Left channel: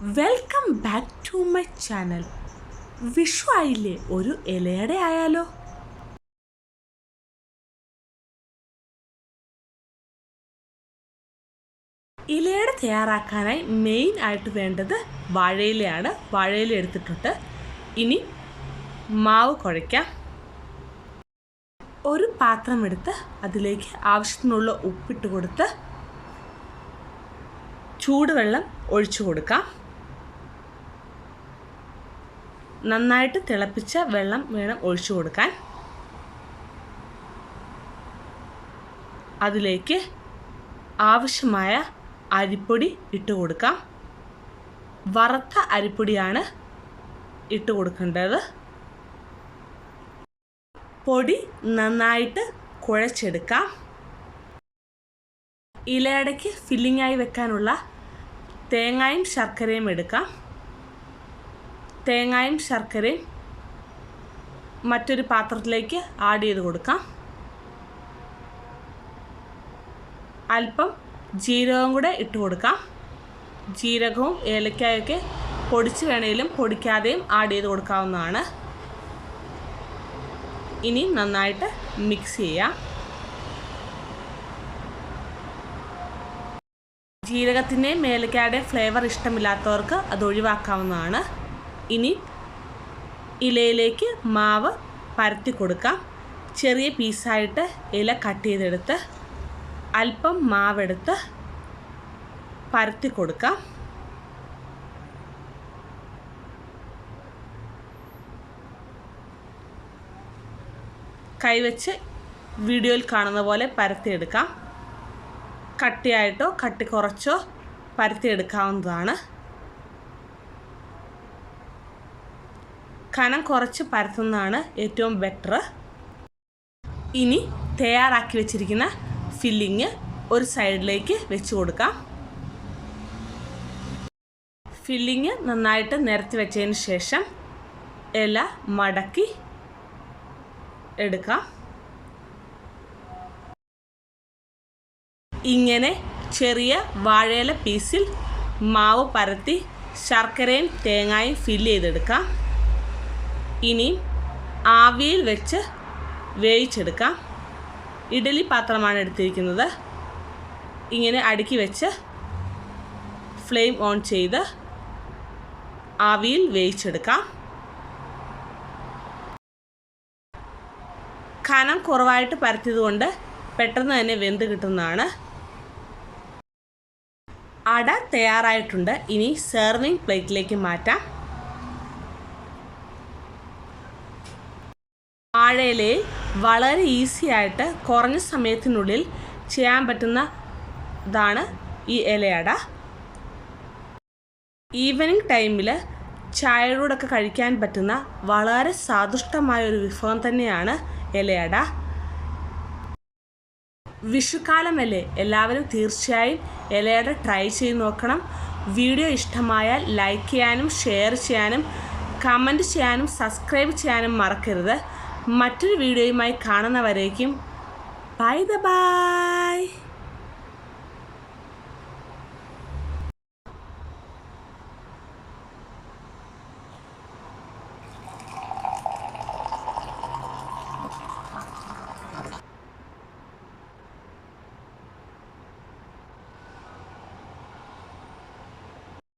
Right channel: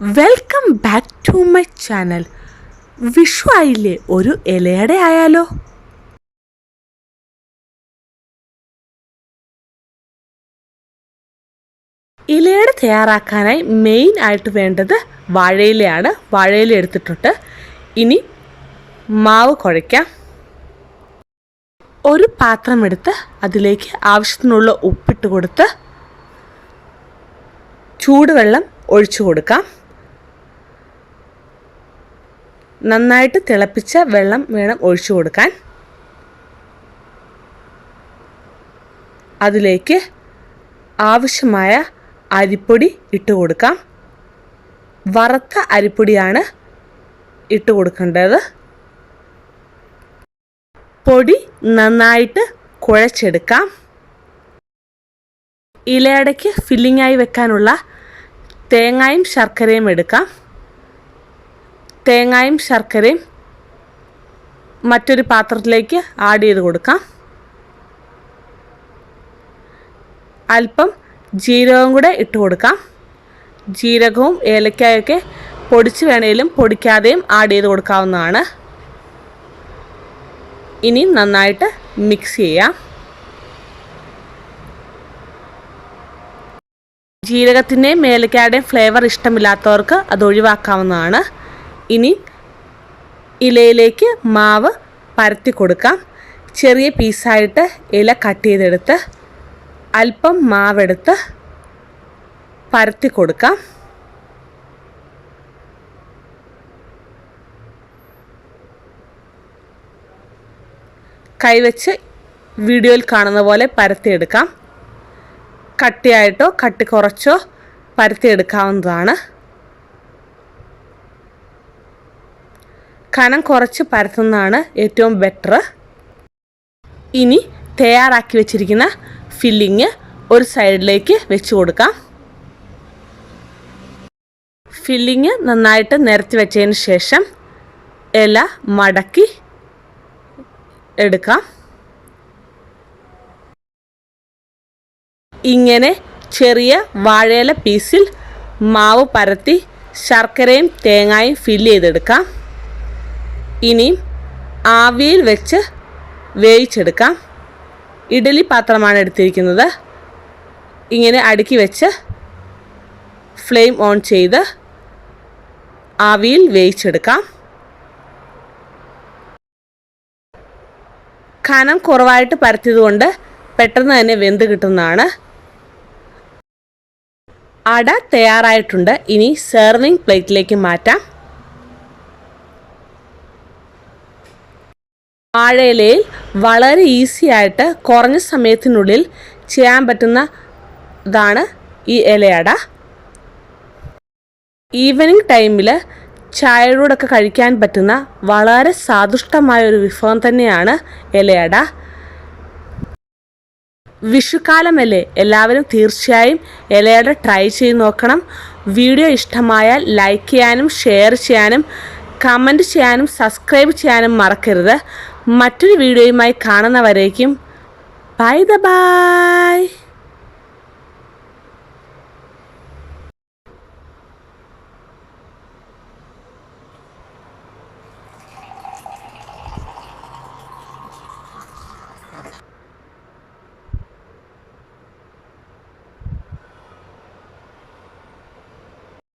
Welcome back to my channel. Vishu ആയില്ലേ, ഒരു ഇലയട ആയാലോ? ഇലയട തയ്യാറാക്കാനായി മെയിൻ ആയിട്ട് വേണ്ടത് വാഴയിലയാണ്. വാഴയില എടുത്തിട്ടുണ്ട്. ഇനി മാവ് കുഴയ്ക്കാം. ഒരു പാത്രം എടുത്ത് അതിലേക്ക് ആവശ്യത്തിനുള്ള ഉപ്പിട്ട് കൊടുത്ത് ചൂടുവെള്ളം ഒഴിച്ചു കൊടുക്കാം. നന്നായിട്ട് തിളപ്പിച്ച വെള്ളം വേണം ഒഴിച്ചു കൊടുക്കാൻ. അതിലേക്ക് ആവശ്യമായ അരിപ്പൊടി ഇട്ട് കൊടുക്കാം. വറുത്ത അരിപ്പൊടിയാണ് ഇട്ട് കൊടുക്കേണ്ടത്. പൊടി നന്നായിട്ട് കുഴച്ചെടുക്കാം. ഇലയടയ്ക്ക് ഫില്ലിങ്ങായി വെക്കാനുള്ള തേങ്ങയും ശർക്കരയും എടുക്കാം. തേങ്ങയും ശർക്കരയും മറ്റൊരു പാത്രത്തിലേക്ക് ആഡ് ചെയ്ത് കൊടുക്കാം. അല്പം ജീരകം കൂടെ ഇട്ട് കൊടുക്കാം. ജീരകവും ഏലക്കായൊക്കെ പൊടിച്ച് വേണേലും പൊടിക്കാതെയും ആഡ് ചെയ്ത് കൊടുക്കാവുന്നതാണ്. ഇനി നന്നായിട്ട് മിക്സ് ചെയ്യാം. ജീരകത്തിൻ്റെയും ഏലക്കായുടെയും ഫ്ലേവർ ഇഷ്ടമില്ലാത്തവർക്ക് അത് ഒഴിവാക്കാവുന്നതാണ്. ഇനി ഇലയിലേക്ക് മാവ് പരത്തി കൊടുക്കാം. ചെറിയ പീസായിട്ട് ഇല കട്ട് ചെയ്തെടുത്ത് അല്പം മാവെടുത്ത് പരത്തി കൊടുക്കാം. കൈവച്ച് വീഡിയോയിൽ കാണുന്ന പോലെ പരത്തിയെടുക്കാം. കട്ടിയായിട്ടോ കട്ടി കുറച്ചോ പരത്തിയെടുക്കാവുന്നതാണ്. കനം കുറച്ച് പരത്തുന്നതാണ് ഏറ്റവും ബെറ്റർ. ഇനി തയ്യാറാക്കി വെച്ചിരിക്കുന്ന ഫില്ലിങ് ഒരു സൈഡിലേക്ക് വെച്ച് കൊടുക്കാം. ഫില്ലിങ് നന്നായിട്ട് നിരത്തി വെച്ചതിന് ശേഷം ഇല മടക്കി എടുക്കാം. ഇങ്ങനെ ചെറിയ വാഴയില പീസിൽ മാവ് പരത്തി ശർക്കരയും തേങ്ങയും ഫില്ല് ചെയ്തെടുക്കാം. ഇനി ആവിയിൽ വെച്ച് വേവിച്ചെടുക്കാം. ഇഡ്ഡലി പാത്രമാണ് എടുത്തിരിക്കുന്നത്. ഇങ്ങനെ അടുക്കി വെച്ച് ഫ്ലെയിം ഓൺ ചെയ്ത് ആവിയിൽ വേവിച്ചെടുക്കാം. കനം കുറവായിട്ട് പരത്തിയതുകൊണ്ട് പെട്ടെന്ന് തന്നെ വെന്ത് കിട്ടുന്നതാണ്. അട തയ്യാറായിട്ടുണ്ട്. ഇനി സെർവിങ് പ്ലേറ്റിലേക്ക് മാറ്റാം. വാഴയിലയിൽ വളരെ ഈസി ആയിട്ട് കുറഞ്ഞ സമയത്തിനുള്ളിൽ ചെയ്യാൻ പറ്റുന്നതാണ് ഈ ഇലയട. ഈവനിങ് ടൈമിൽ ചായയോടൊക്കെ കഴിക്കാൻ പറ്റുന്ന വളരെ സ്വാദിഷ്ടമായൊരു വിഭവം തന്നെയാണ് ഇലയട. വിഷുക്കാലമല്ലേ, എല്ലാവരും തീർച്ചയായും ഇലയട ട്രൈ ചെയ്ത് നോക്കണം. വീഡിയോ ഇഷ്ടമായാൽ ലൈക്ക് ചെയ്യാനും ഷെയർ ചെയ്യാനും കമൻറ്റ് ചെയ്യാനും സബ്സ്ക്രൈബ് ചെയ്യാനും മറക്കരുത്. മറ്റൊരു വീഡിയോയുമായി കാണുന്നവരേക്കും ബൈ.